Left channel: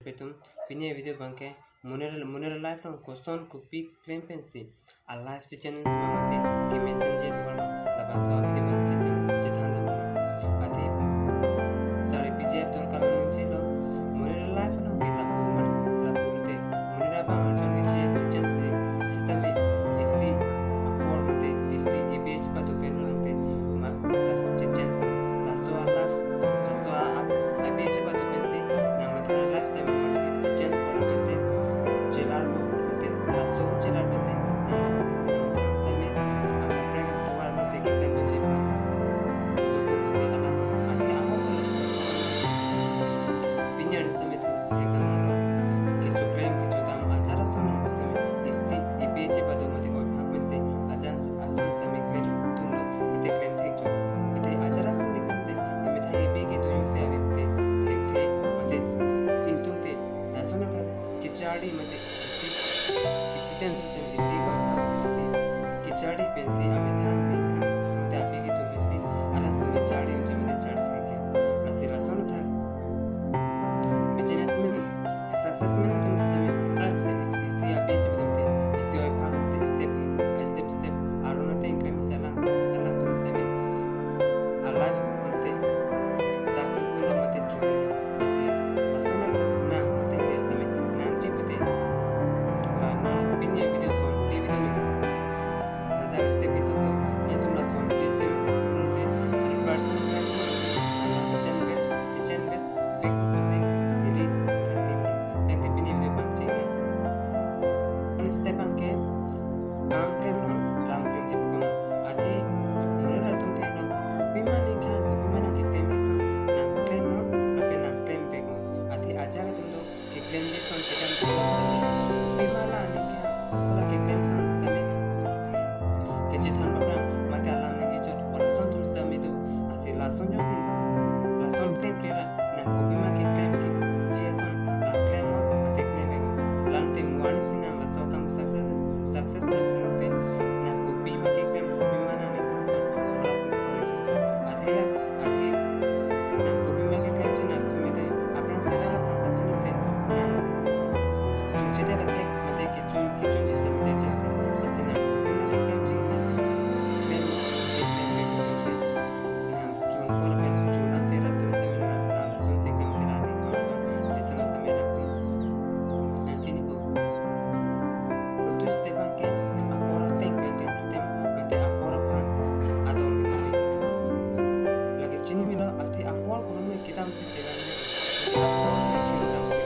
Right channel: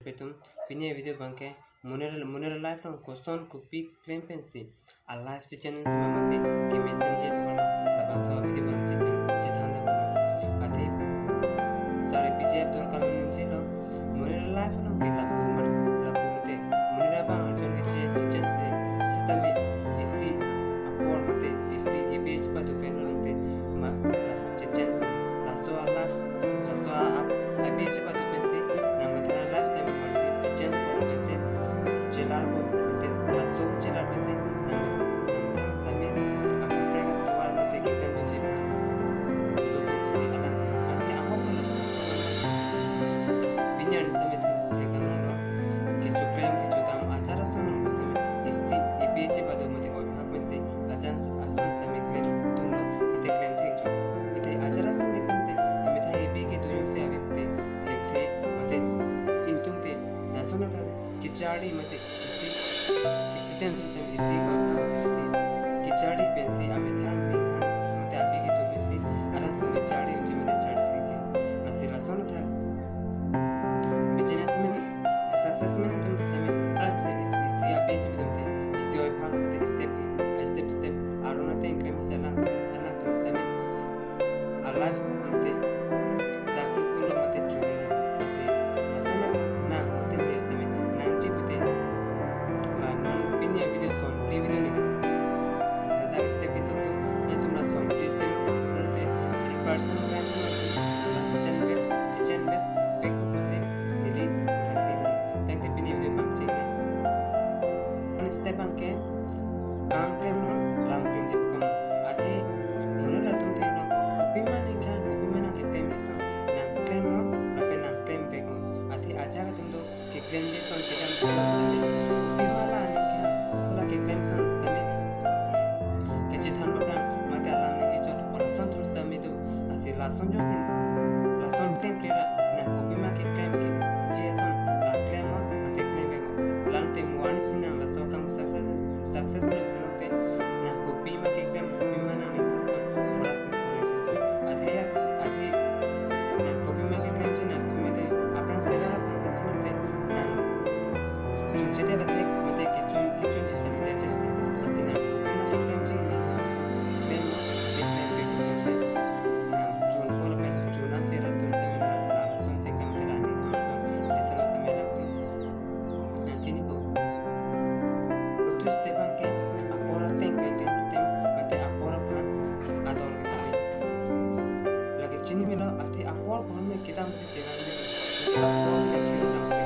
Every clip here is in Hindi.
Petum pinya video bangke munera live from koson kupi claim pensi a live si channel si mamate ke messenger to kono la bangsa video bangke chethanda kono ati sare pj abdul kalam ninchilo munera live no ke la bumar la bulute munera bang arjon ke chen se system isi apor mate isi ibh patu penonte ma las chen la so ala la so ibh patu pensi namatra live time marzi chen por mate chelar bo mate la so chelar pensi namatra same akaprega tuar mate kitan do jepa to si ala ati amo ko pinya ni same thekam no ke chokrem ke chotam achara sono muslim isi ibh patu mate oi bhag pensi ajan asun same claim tunlo mate claim thek jo mate achara son dikhante me thai ibh ke tuyung se avipte thek mate intungte nasono ta kichadi mate isi istiten isi gauta isi kichadi pensi ame thang ningan mate api ke tu pensi alas me chadi unji mate chadi thek je nasila sono tha businessman successman tum stame prime isi api je mate isi oi bhag mate step arona te increm sala ala tum stame alive mate successful mate chunne isi nasona ta na mate nestame nanji pute la non pinya video son video ni da step itu to ya tumla son please te se 100% brand ala chen best fake pose delete rati thank you pinya video pang chena on step angke काम claim non lam claim je bukan ade munera tum te non kopi mana ke claim so na claim non na pe na claim pe ko ade aja ka tum do ke claim je son ke jam kopi mala ne kya kola ke claim son stame ke chithan babra mate alam ne je chot ola son tum stame do asi la son jo sin la son claim plera na kopi ma ke claim ke je son la claim mate claim pe ko lam te muan sinan la so kam success lo plante na kopi ma ke claim kopi mana ne son mora ade na kopi ma ke claim na kopi mate apna sera la pachinu te na chunche te rakhe mate ke chun system te chalte asina kopi ma ke claim ji ni na claim pe kote na chun ko la pe chuna sera tum te na la son se claim te rani na son esana sta mera na chini po tu step anke apora think pe ke tem mate apora pan ador ke chali lagi chini mila ati apor ko me kitam pe chela ni apor ne kiru dam ke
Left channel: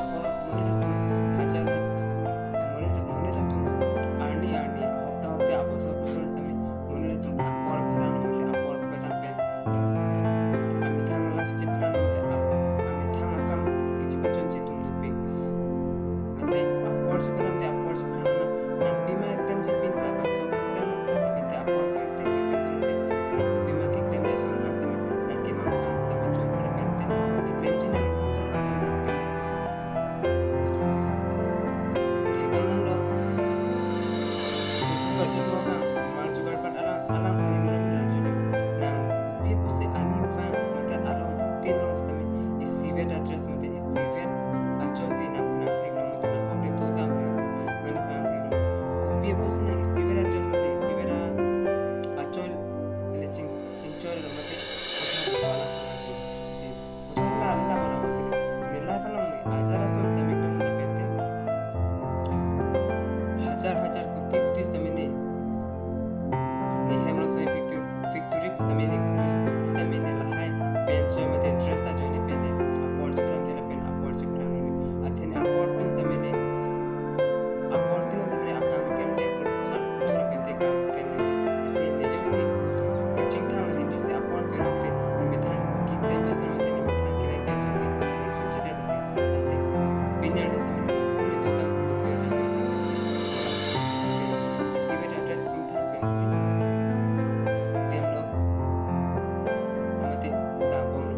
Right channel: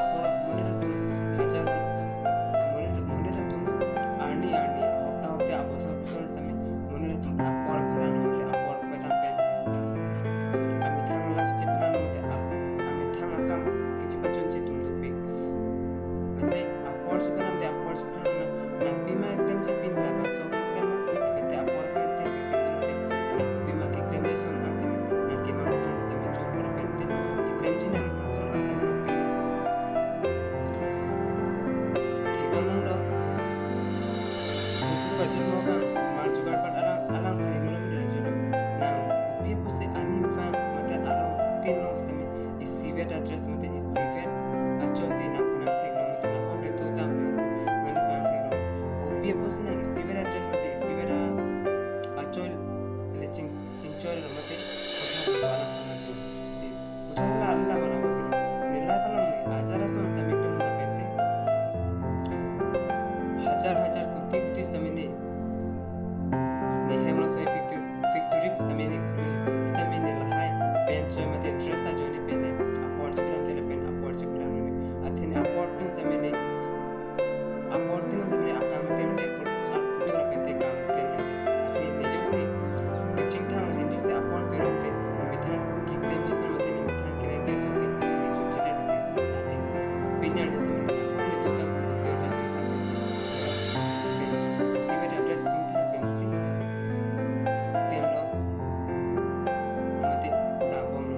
apor munera tum hajar munera tum arni hafta abosor same munera tum apor phalano mate apor ko betam pe ami thang laf che phalano mate ami thang akam kichi bachon che tum dupi ase apor che phalam te apor che phalano na pima ekdam che pin la bang so ka pem te apor pe te ke na pima ke tem le son na same na ke mang son same chu por pe te tem chi na son astam na te thekam lo super chi mo ka mar jugar pat alang phani no na julo na kupi pose ani fa mate alang tin no same is cvet address mate is cvet achon si na phana theklo mate na hote to dam pe mani pa theklo kupi pose na is cvet address mate is cvet achon le chinchor mate wala uthara alla wala mate nila phana ni ajara son tame tum na pete हजार कुत्ती समय ने हेमलो समय फिक्टोरी समय ने खुली समय ने लहाय बेंच में ते ड्रेस आ जोने पेने अपोर्ट करम दे पेन अपोर्ट करम ने अथेन अपोर्ट में समय ने अपोर्ट ने समय आकाम क्लेम के पूरा पेते काम क्लेम ने अथेन ने जो से कचिंग था हिंदू से अपोर्ट पेरम ते मिथा की क्लेम जिस में ते मिथा के ने सुन के ने चुचते थे ऐसे बिना ने समय ने हमने तो तम से जैसे interesting time pensi claim lo mate dampom lo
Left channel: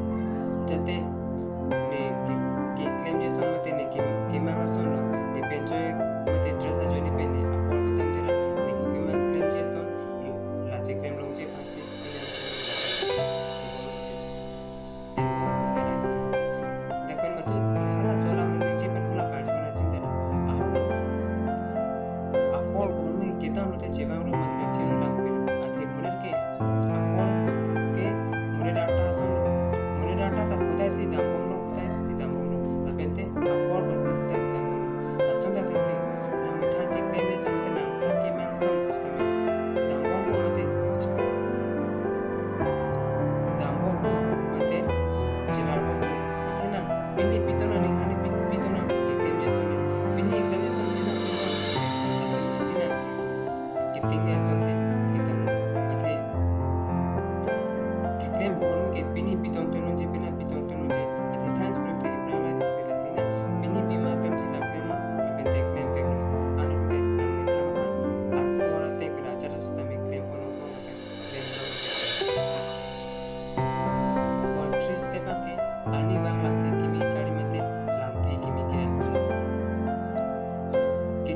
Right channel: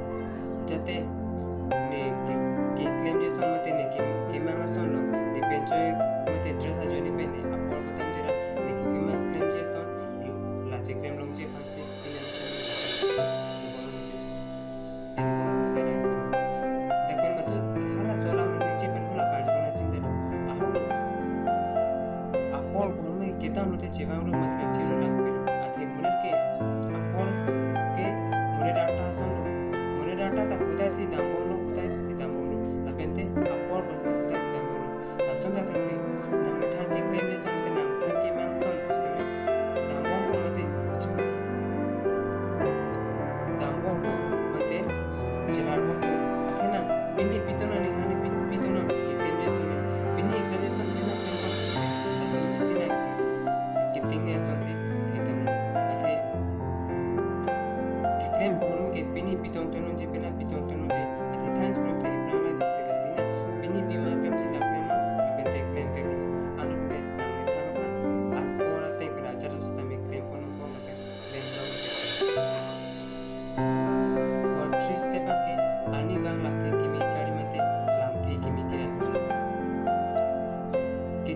jate ne ki claim je son mate ne ki mama son lo ne pencho mate dress a joni pene apor kotam dira ne ki mama claim je son la che claim lo je phansi dekhen matu hala sola mane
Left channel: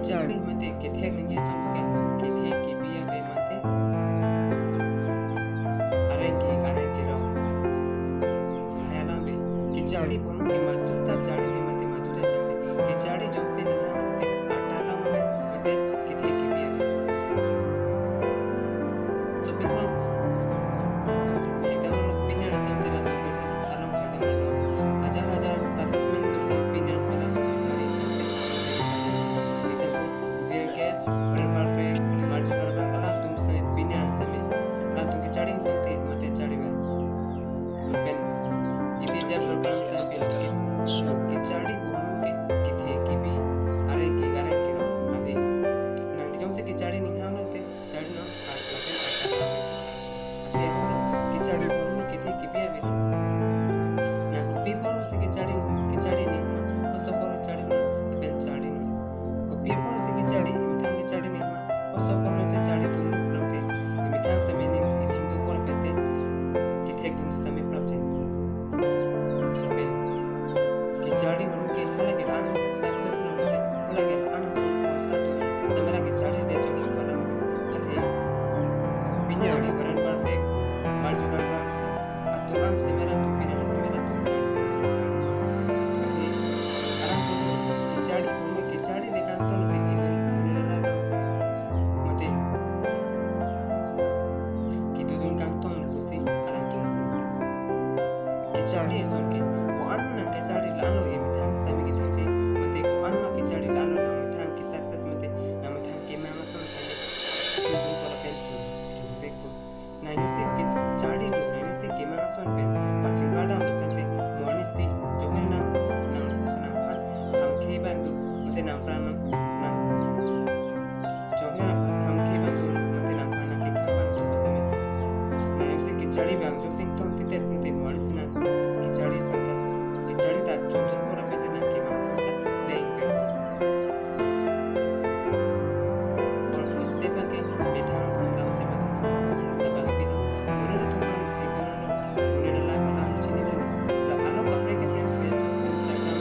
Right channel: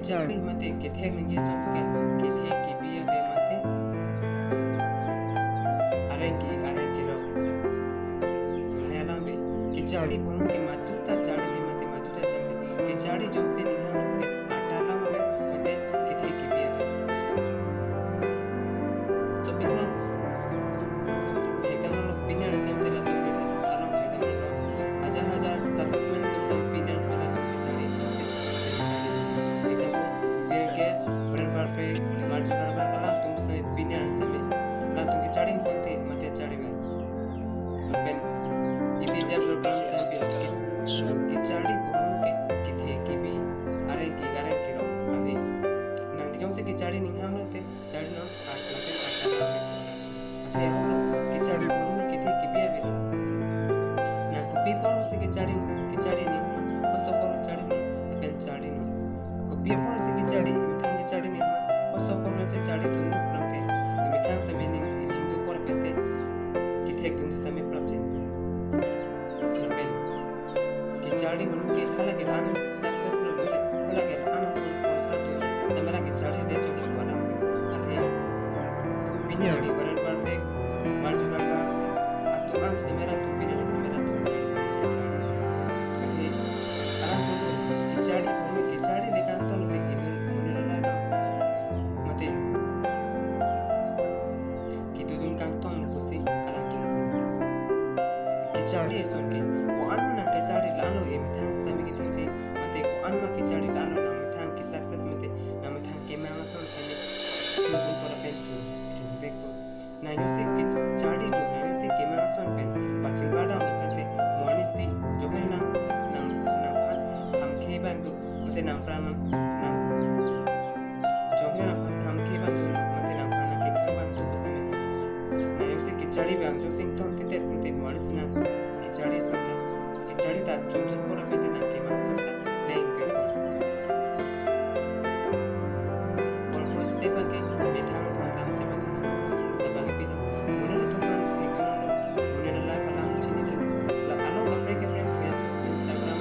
Kichari mate kithek ninge somke kithek kibiya be mate arenki ro hayana be kichari pon ke matuta chari be mate matuta chari kichari jose niha mate atala me mate kithek kibiya be so bitran ekdam log binner assembly la सब bitran along ekdam log हजार success में तुम opinions बना किचड़ी example fair catch very perfect march करना अला तुम से opinions तमे ला तुम किचड़ी तोते मते चड़ी में पेन इबी जब प्रोग्राम तमे किचड़ी बोल के किथे की भी अरे की रो अभी नंग जो से किचड़ी नहीं हम लोग चढ़ ना आठ अभी किचड़ी बोल किथे की भी अभी people se kichari ni pasto por chari no pen chari no ko people se kichari imthang kichari ni pasto por no se chari tun prote imthang se meaning in tu por pente kithek tun se me propjin pen kichari hon ke halage an success no hote halage an hon posta tu tamara kichari de chori walam athe binari waran perfect marju karba atumam se mera tu binari se mera tu किचड़ी भूमि किचड़ी लेकांत नते मुनिरला मते कितुदुन कांतोन कुसी अलांतुन किचड़ी सोन के को अन्ना किचड़ी लालो ए मिथांग समी के तोजे मते को अन्ना किचड़ी लालो ना मिथांग की सक्सेस मते ना मिथांग के मामसन पहले तुम पर पेंचु जुबेको नाइनो से किचड़ी लो नाइनो से के मामसन पेन पाचिंगाडा मते मोनिसी जो है ना bantu mate nampran nam jongna tham ke bantu mate nampran ke tham bantu pasame na se kichadi bang jo sing ton titer mate monisna kichadi santa kichadi ta chundur pora pete na ke mang santa laying pe all first step ke methang phangam che mate tabage pila munira tuman thekana munira life alam chini din la alo kapre ke friend Facebook Instagram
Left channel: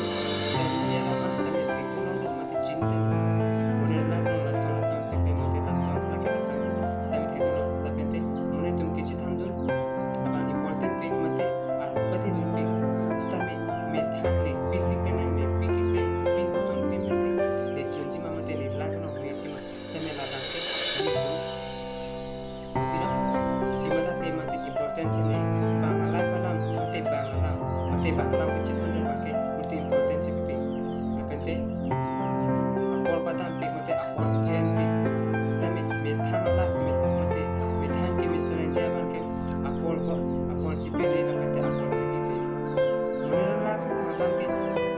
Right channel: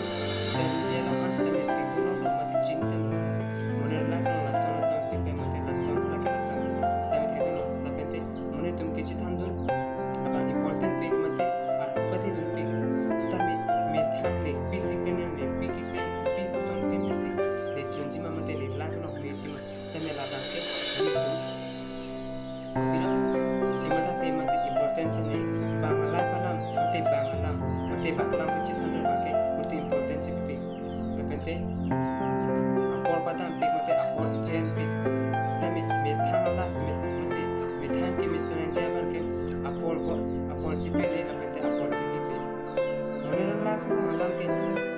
banglam kecil hendak pakai multi important CPP. Repente apor padam pik mate apor jen pik. Stami methang lah methang ke misalnya jalan ke apor CPP le repente apor CPP. Menurut lah malam ke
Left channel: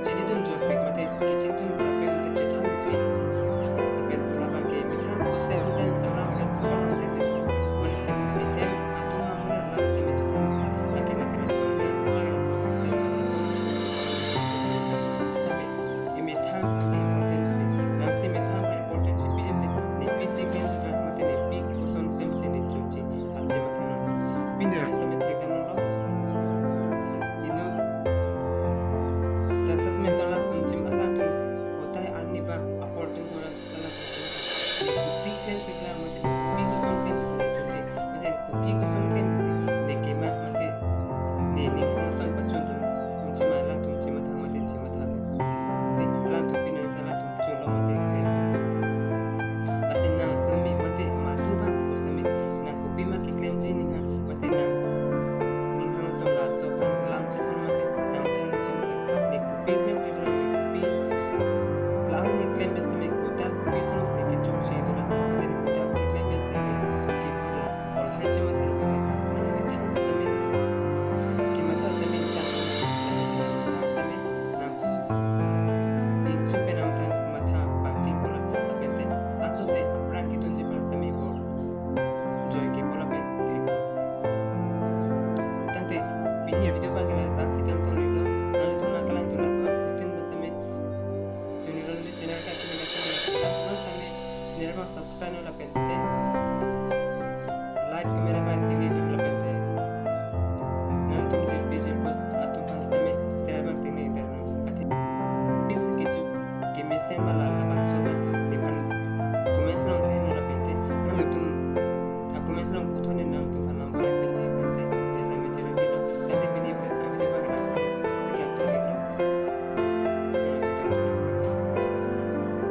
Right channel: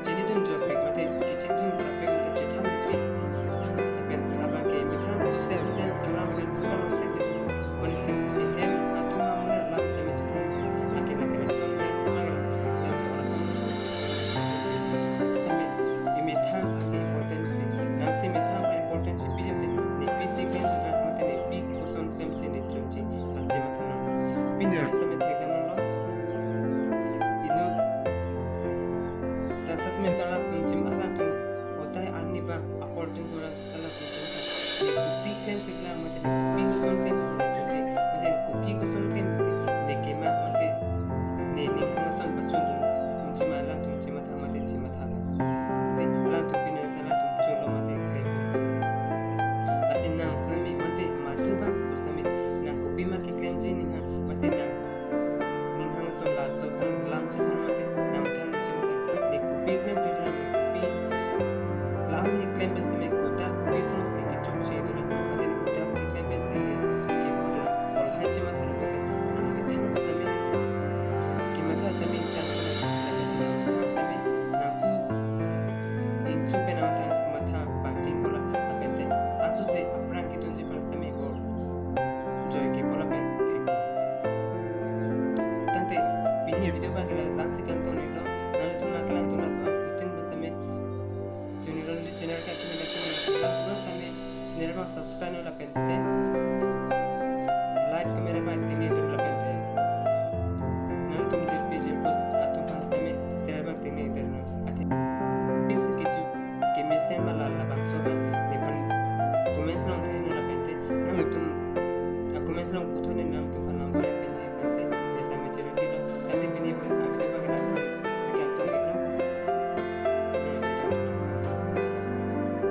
jadi dun job pik mate kecil dun berapa mate cetan pik. Repente laba ke methang sosial media Instagram Facebook kalau mate te. Menurut hem atau menurut lah stami cetan laki-laki lesson le lagi success mental las tum ala tu hotai anni va apporting hona ala tu kupi kan pikla mate kupi ko son tem ne tuje mate kupi ko son tem se ne kema mate ne ni hang son pachun tu tum ala tum chima tha mate chima tha se ala tu pina sala tum chulo mate claim asin nang snami mate masu ba kusami na kupi ma ki claim ji ni ha mate na ni hang son la so lam chi thon mate nam tha ni chim tha ne kupi claim pe na kupi lan ni claim pe se me kota kupi son se ki chok che dura mate ni kota ki claim pe se me ki bodo ol hai chima tha ro pe nam ni thang se me ki ma tha se me ta na me na ku in chu pe nam tha ma tha pa ching bola pe te anso se apran ki tunji pa se me bol joy ke bola pe tante pinya video pa kala lansi kan to ni lo nale tu na kala tu rat pa utin ba se me channel ka tu na kala tu sa me channel ma subscribe no la pente like मेरे पास तीन इधर लपेटे ना तुम जिर पोस्ट आतु पास तमे शेयर बाग तीन इधर अति इस किचु के मिशन माला